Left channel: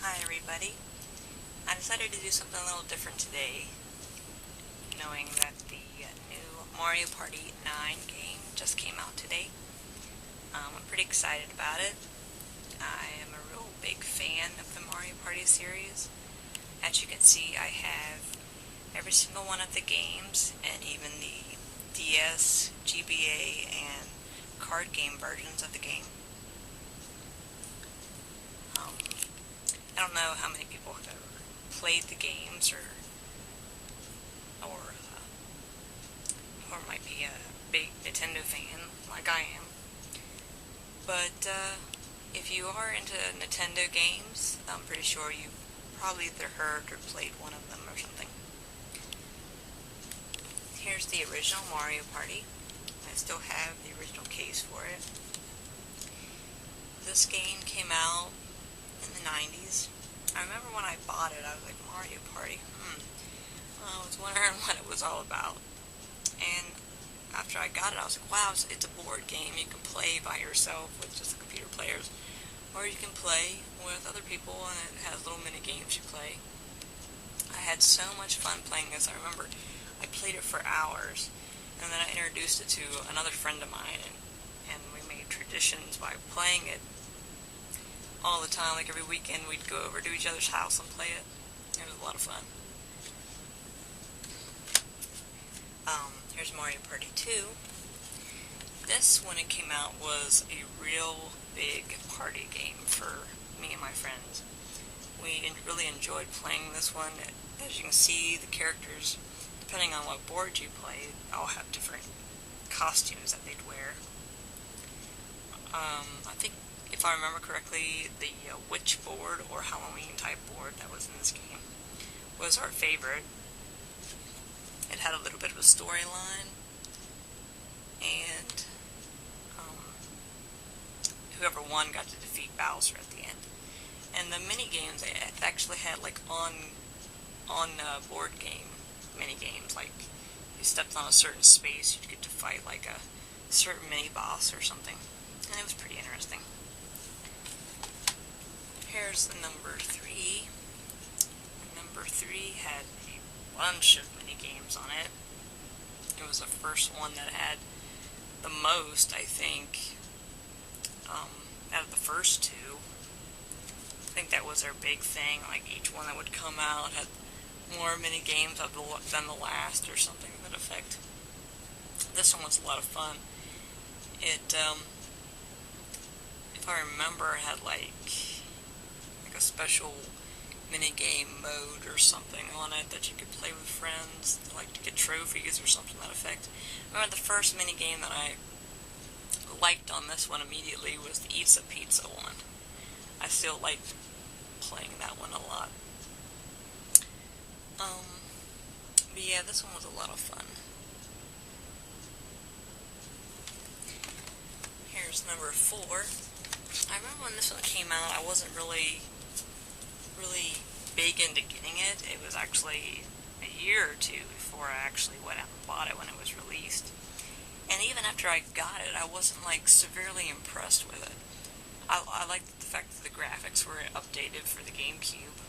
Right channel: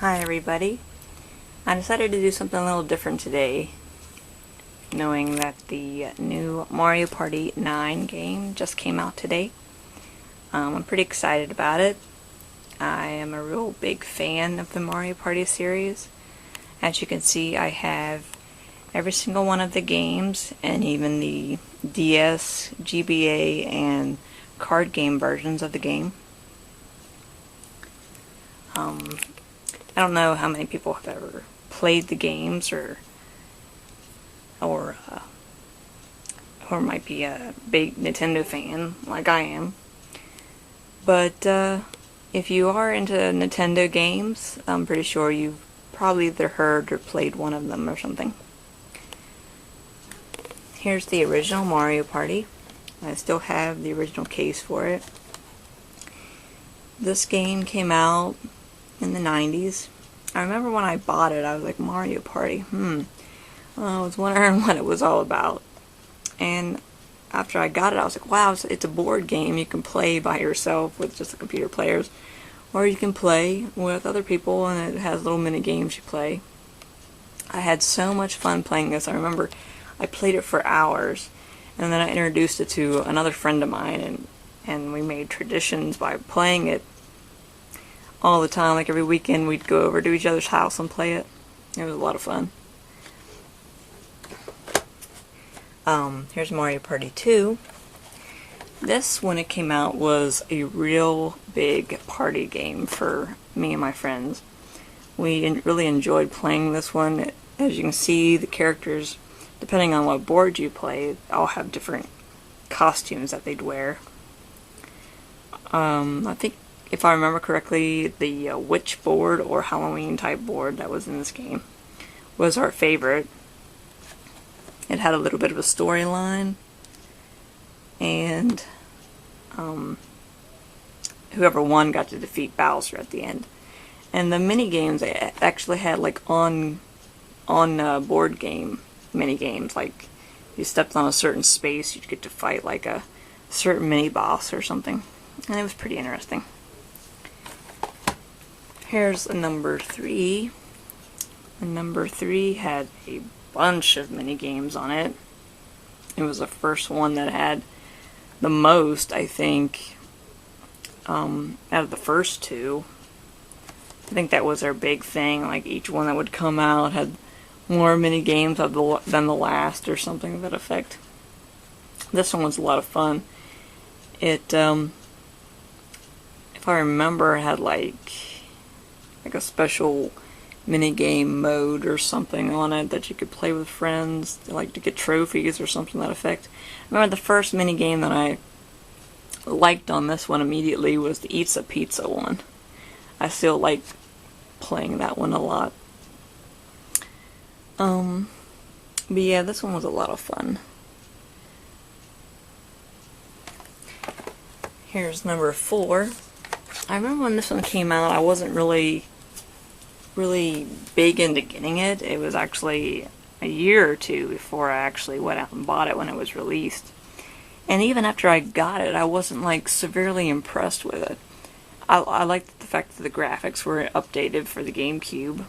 Hi everybody. I decided to do something a little different today, knowing that the new Mario Party 9 game just came out today. I'm pretty excited about it. I am a real big fan of the Mario Party series. As you can see, I have every single one of the games, and even the DS, GBA, and card game versions of the game. I don't know how many people have ever played the games or might be a big Nintendo fan like I am. But if you are into Nintendo games, I'm pretty sure you've probably either heard or played one of them or something. Here's the original Mario Party. I still have the original case for it. This game came out in the 90s. I remember when I bought it, I was like, Mario Party, I was wondering what it was all about. And after I got it, I was like, wow, it's a board game. You can play by yourself with just the computer players, or you can play with other people, and it has little mini games you play. I had so much fun playing this. I remember I played it for hours, and then I introduced it to another friend of mine, and we made traditions by playing it all the time. Like every weekend we'd go over to each other's house and play it. It was a lot of fun. Here's Mario Party 2. This, when it came out, was a real big party game for me and my friends. We really enjoyed playing this one. As you can see, the characters, depending on what board you play, all have different costumes that they'd wear. I think, if I remember correctly, the witch board or Halloween type board that was in this game was our favorite. It had a little bit of a storyline, and whoever won got to defeat Bowser at the end. And the mini games, they actually had like on board game mini games. Like you stepped on a certain space, you'd get to fight like a certain mini boss or something, and it was pretty interesting. Here's number 3. And number 3 had a bunch of mini games on it. It was the first one that had the most, I think, out of the first two. I think that was their big thing. Like each one that would come out had more mini games than the last, or something to that effect. This one was a lot of fun. It, if I remember, had like a special minigame mode or something on it that you could play with friends, like to get trophies or something to that effect. I remember the first minigame that I liked on this one immediately was the Eats a Pizza one. I still like playing that one a lot. But yeah, this one was a lot of fun. Here's number 4. I remember when this one came out, I wasn't really big into getting it. It was actually a year or two before I actually went out and bought it when it was released. And even after I got it, I wasn't like severely impressed with it. I liked the fact that the graphics were updated for the GameCube.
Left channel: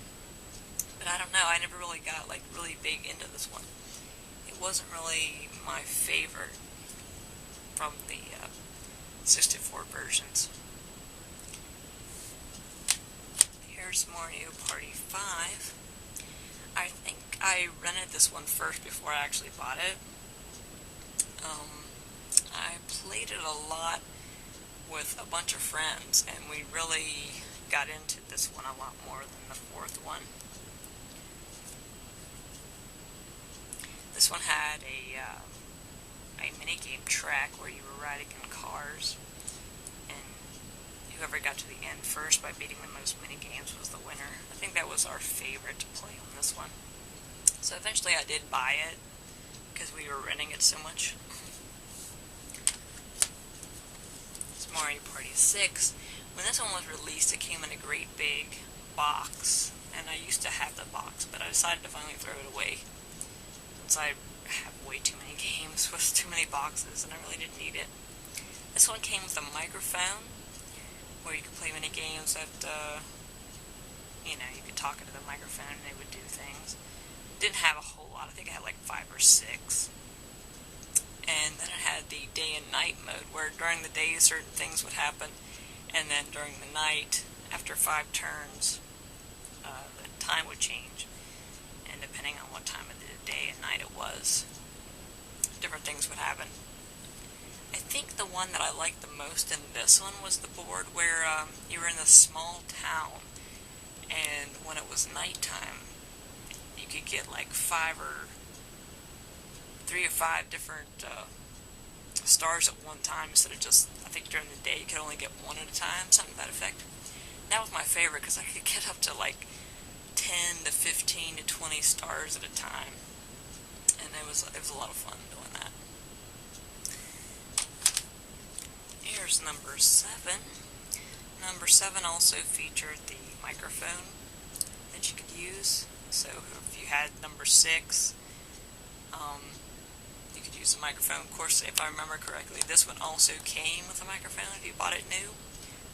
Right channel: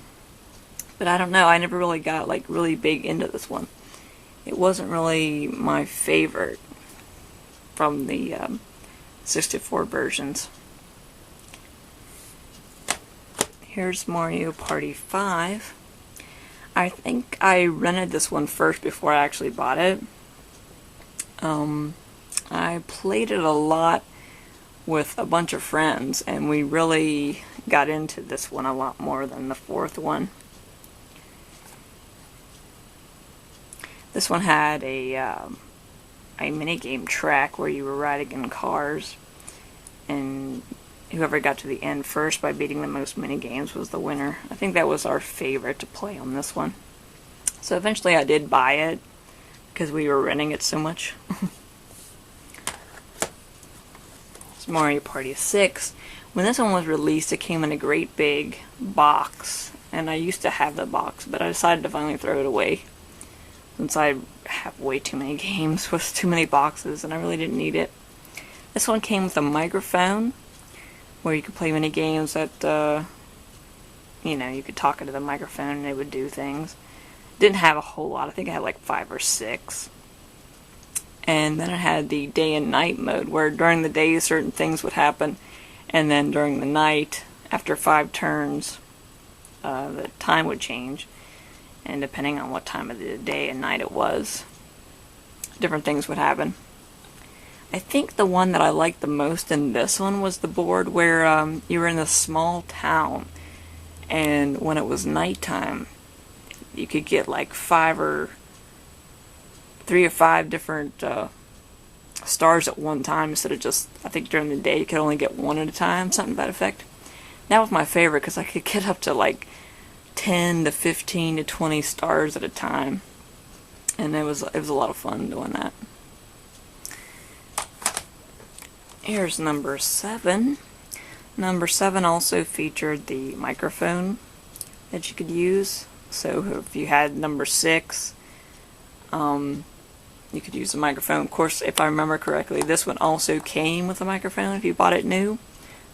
But I don't know, I never really got like really big into this one. It wasn't really my favorite from the 64 versions. Here's Mario Party 5. I think I rented this one first before I actually bought it. I played it a lot with a bunch of friends, and we really got into this one a lot more than the fourth one. This one had a minigame track where you were riding in cars, and whoever got to the end first by beating the most mini-games was the winner. I think that was our favorite to play on this one. So eventually I did buy it, because we were renting it so much. It's Mario Party 6. When this one was released, it came in a great big box, and I used to have the box, but I decided to finally throw it away, since I have way too many games with too many boxes, and I really didn't need it. This one came with a microphone, where you could play mini games that you could talk into the microphone and they would do things. Didn't have a whole lot. I think it had like 5 or 6. And then it had the day and night mode, where during the day certain things would happen, and then during the night, after 5 turns, the time would change. And depending on what time of the day and night it was, different things would happen. I think the one that I liked the most in this one was the board where you were in a small town, and when it was nighttime, you could get like 3 or 5 different stars at one time instead of just, I think during the day you could only get 1 at a time, something to that effect. That was my favorite because I could get up to like 10 to 15 to 20 stars at a time, and it was a lot of fun doing that. Here's number 7. Number 7 also featured the microphone that you could use. So if you had number 6, you could use the microphone. Of course, if I remember correctly, this one also came with a microphone if you bought it new.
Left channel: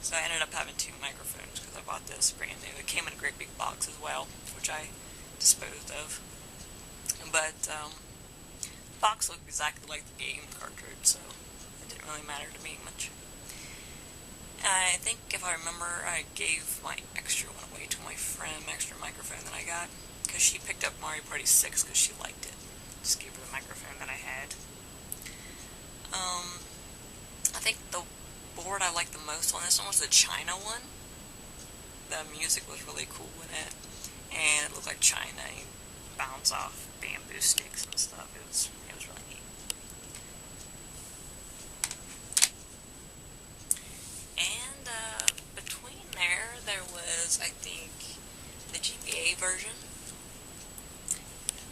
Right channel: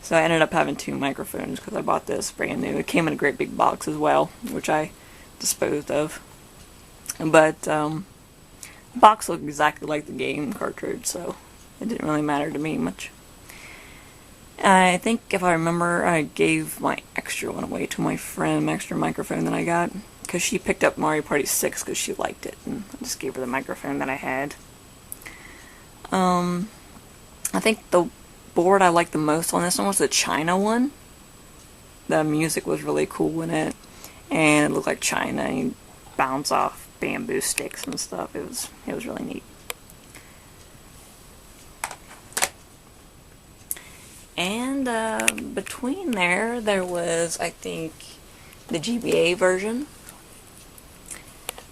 So I ended up having 2 microphones because I bought this brand new. It came in a great big box as well, which I disposed of. But the box looked exactly like the game cartridge, so it didn't really matter to me much. I think, if I remember, I gave my extra one away to my friend, my extra microphone that I got, because she picked up Mario Party 6 because she liked it, and I just gave her the microphone that I had. I think the board I liked the most on this one was the China one. The music was really cool in it, and it looked like China, and you bounce off bamboo sticks and stuff. It was really neat. And between there was, I think, the GBA version.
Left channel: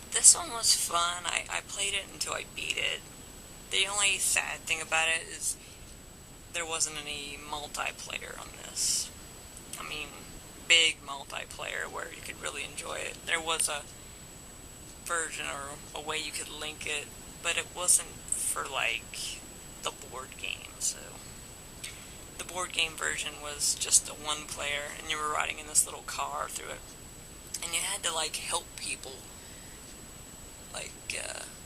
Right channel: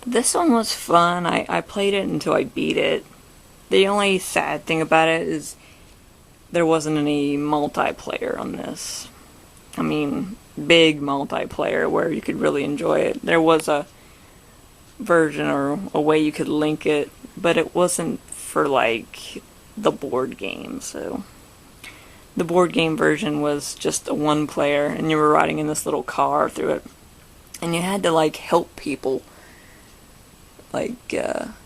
This one was fun. I played it until I beat it. The only sad thing about it is there wasn't any multiplayer on this. I mean, big multiplayer where you could really enjoy it. There was a version or a way you could link it, but it wasn't for like the board game, so the board game version was just a 1-player, and you were riding in this little car through it, and you had to like help people, like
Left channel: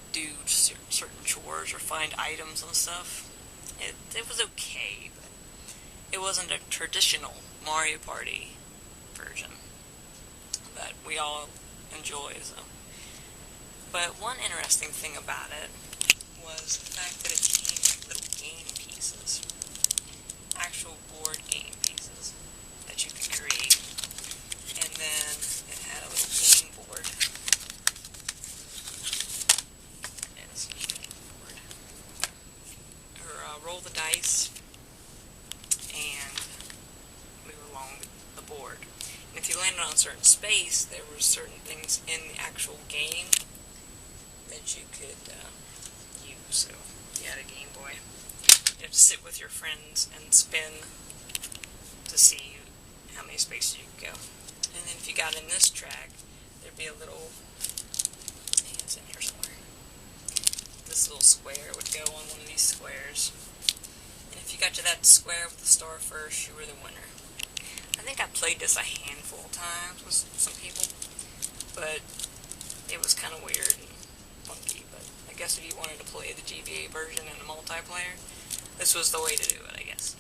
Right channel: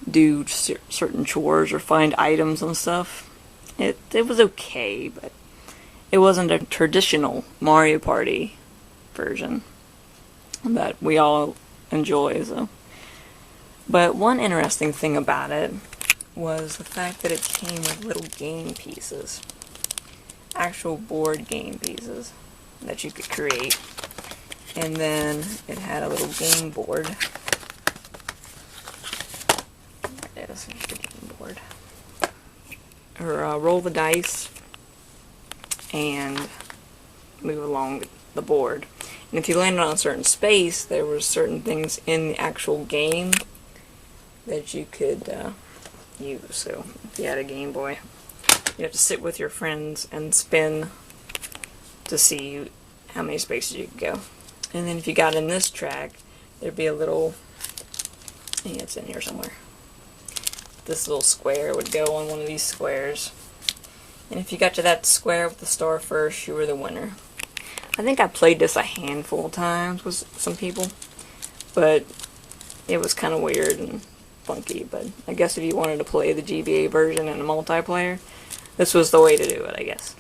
do certain chores or find items and stuff. It was okay, but it wasn't a traditional Mario Party version that we all enjoy. So, but one interesting thing about it was the fact that it came with little game pieces. Actual board game pieces that you could create, and then it had a little game board. There it is, the game board. Or roll the dice and move along the board. And if you landed on a certain space, there were certain things in the actual game that you could use. So if you had a Game Boy, you have to sit with your friends and spin to see how many spaces you could go. And then if you got in this track, there'd be a little, I think it's in here somewhere. This little square would go on one of these squares. And if you got to that square with the star first, you were the winner. I think I played this a handful of times with some people, but it was kind of weird and funky. But I guess if you wanted to play the GBA version in a multiplayer, this was the way to do it, I guess.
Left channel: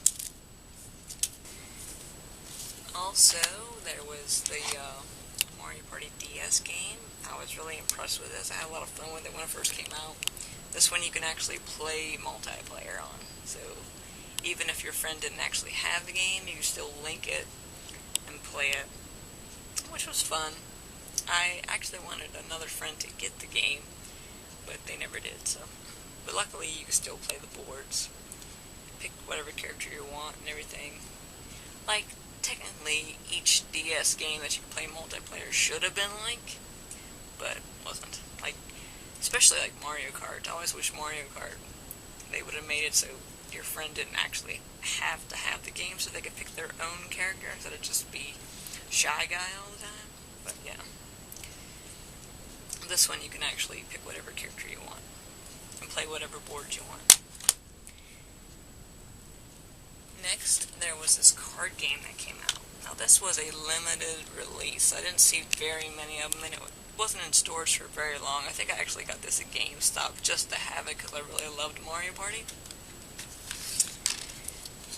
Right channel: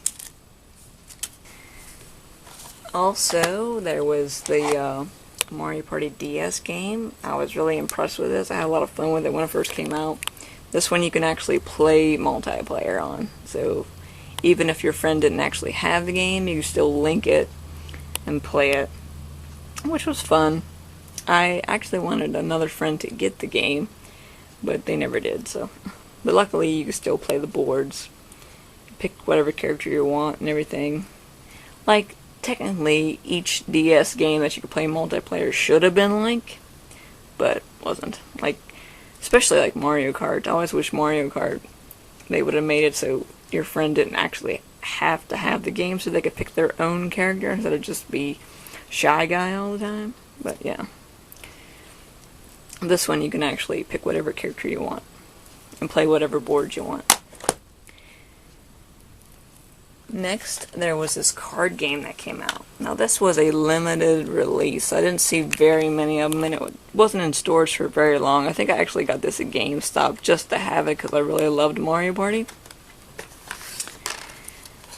Also, there was the Mario Party DS game. I was really impressed with this. I had a lot of fun with it when it first came out. This one you can actually play multiplayer on. So even if your friend didn't actually have the game, you can still link it and play it, which was fun. I actually wanted another friend to get the game, but they never did. So, but luckily you can still play the boards. Pick whatever character you want and everything. Like, technically, each DS game that you could play multiplayer should have been Link, but wasn't. Like, especially like Mario Kart. I always wish Mario Kart, they would have made it so your friend didn't actually have to have the game, so they could pick their own character instead of just be Shy Guy all the time. But yeah. This one you can actually pick whatever character you want and play whatever board you want. Next, there was this card game that came out. Now, this was a limited release. I didn't see very many of them, and it wasn't in stores for very long. I think I actually got this at GameStop just to have it because I really loved Mario Party.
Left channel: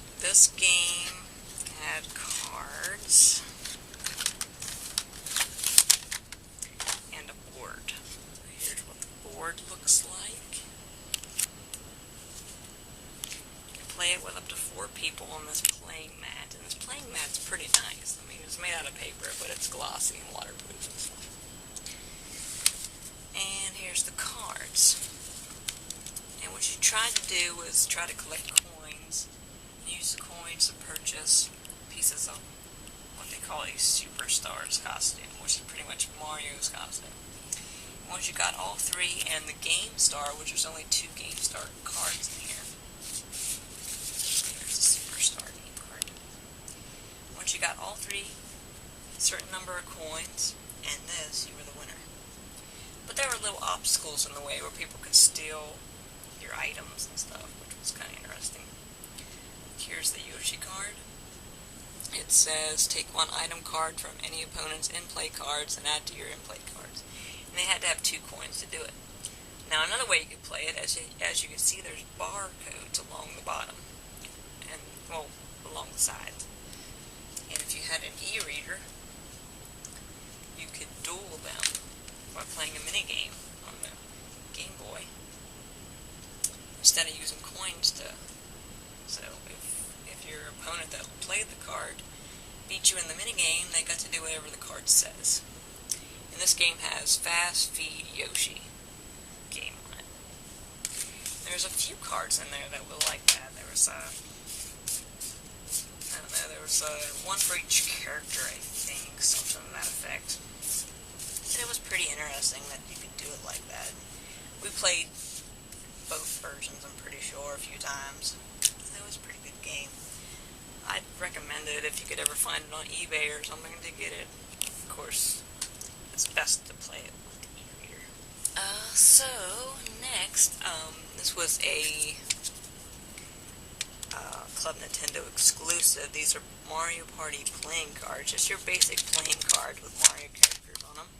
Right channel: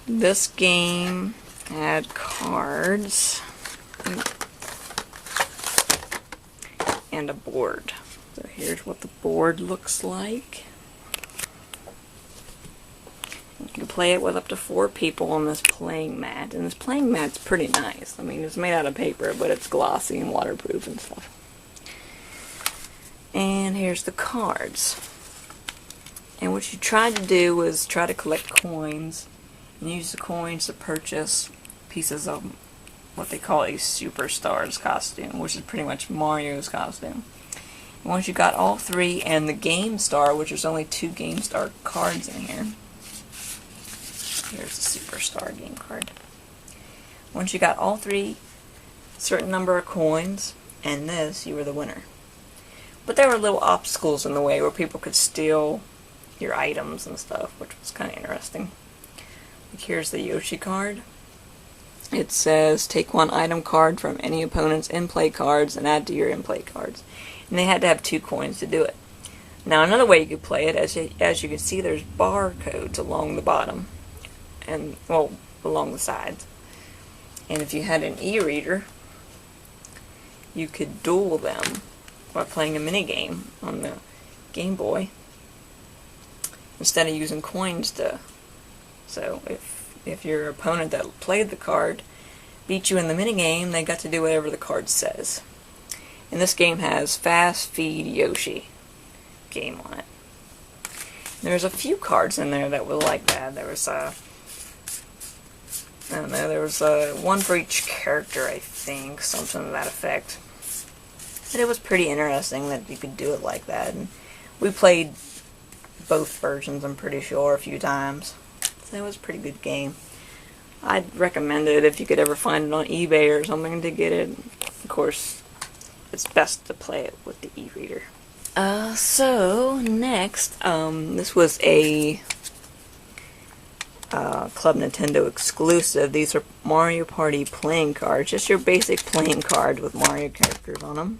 This game had cards and a board. So here's what the board looks like. You can play it with up to 4 people on this playing mat, and this playing mat's pretty nice. I mean, it's made out of paper, but it's glossy and waterproof and stuff. And here's the cards. And what you tried to do was try to collect coins, and use the coins to purchase pieces of what they call a Superstar's costume, which is pretty much Mario's costume. And once you got all 3 and the Game Star, which there's only 2 Game Star cards in here. Here's the Superstar game card. Once you got all 3, certain number of coins, and this, you were the winner. But there were little obstacles in the way where people could steal your items and stuff, which was kind of interesting. Like here's the Yoshi card. It says, take 1 item card from any opponent's in-play cards and add to your in-play cards. And they had to have 2 coins to do it. Now another way you could play it, as you can see, there's barcodes along the bottom. And, well, along the sides. And if you had an e-reader, you could duel them by playing a minigame on the Game Boy instead of using coins to. So if your opponent that played the card beat you in the minigame, they got to do whatever the card says. And this game has Fast Feed Yoshi game on it. There's a few cards in there that were like that. There was I don't know, there was 1 for each character, I think, something to that effect. But it was pretty interesting that you could do it like that. And we played both versions, I'm pretty sure, a few times. So it was a pretty good game. I'd recommend it if you could ever find it on eBay or something to get it. Of course, it's best to play it with the e-reader. So, next, this was a Club Nintendo exclusive. These are Mario Party playing cards, just your basic playing card with Mario characters on them.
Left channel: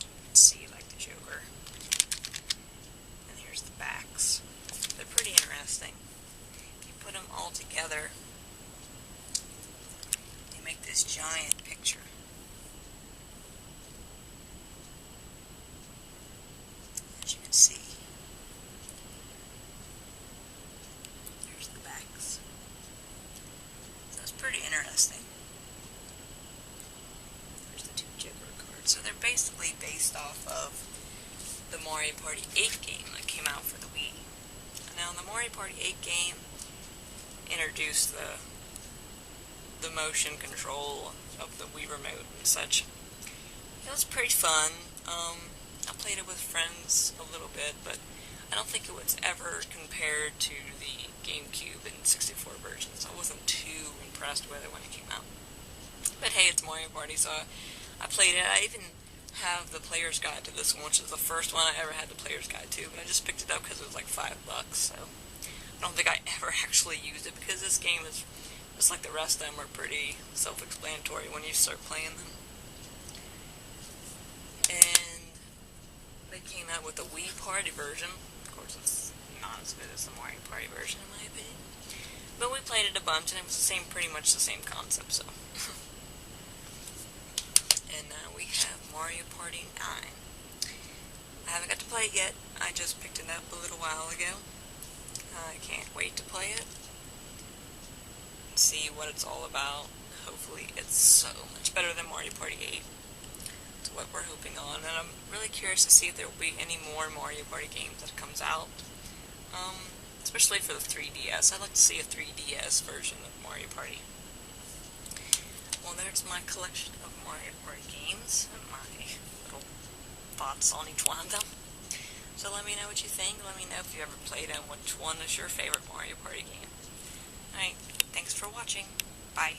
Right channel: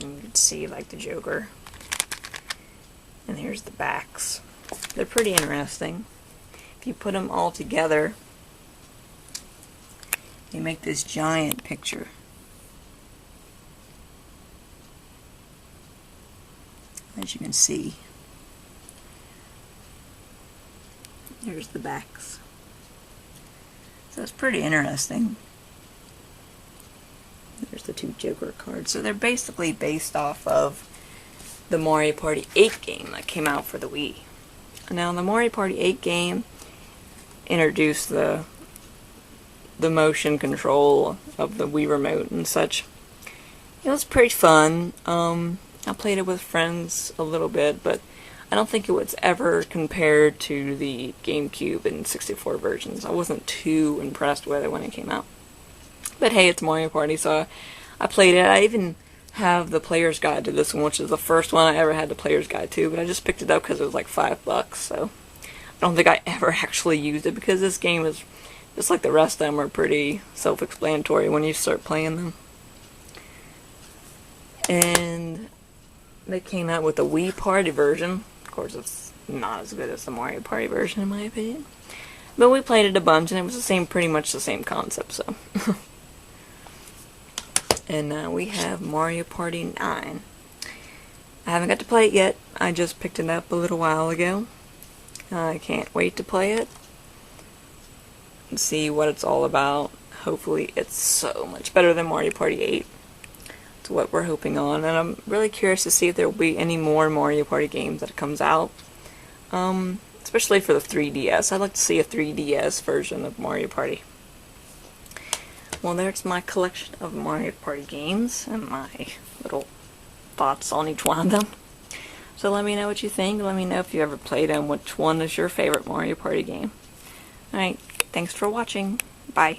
And you can see like the Joker. And here's the backs. They're pretty interesting. If you put them all together, they make this giant picture. As you can see. Here's the backs. So it's pretty interesting. There's the 2 Joker cards. So they're basically based off of the Mario Party 8 game that came out for the Wii. Now the Mario Party 8 game introduced the motion control of the Wii remote and such. It was pretty fun. I played it with friends a little bit, but I don't think it was ever compared to the GameCube and 64 versions. I wasn't too impressed with it when it came out. But hey, it's Mario Party, so I played it. I even have the player's guide to this one, which is the first one I ever had the player's guide to, but I just picked it up because it was like $5, so I don't think I ever actually used it, because this game is, just like the rest of them, are pretty self-explanatory when you start playing them. And they came out with the Wii Party version. Of course, it's not as good as the Mario Party version, in my opinion. But we played it a bunch, and it was pretty much the same concept, so. And now we have Mario Party 9. I haven't got to play it yet. I just picked it up a little while ago. I can't wait to play it and see what it's all about. Hopefully it's so much better than Mario Party 8. It's what we're hoping on, and I'm really curious to see if there will be any more Mario Party games that comes out. Especially for the 3DS. I'd like to see a 3DS version of Mario Party. Well, there's my collection of Mario Party games and my little thoughts on each one of them. So let me know what you think. Let me know if you ever played them. Which one is your favorite Mario Party game? Alright, thanks for watching. Bye.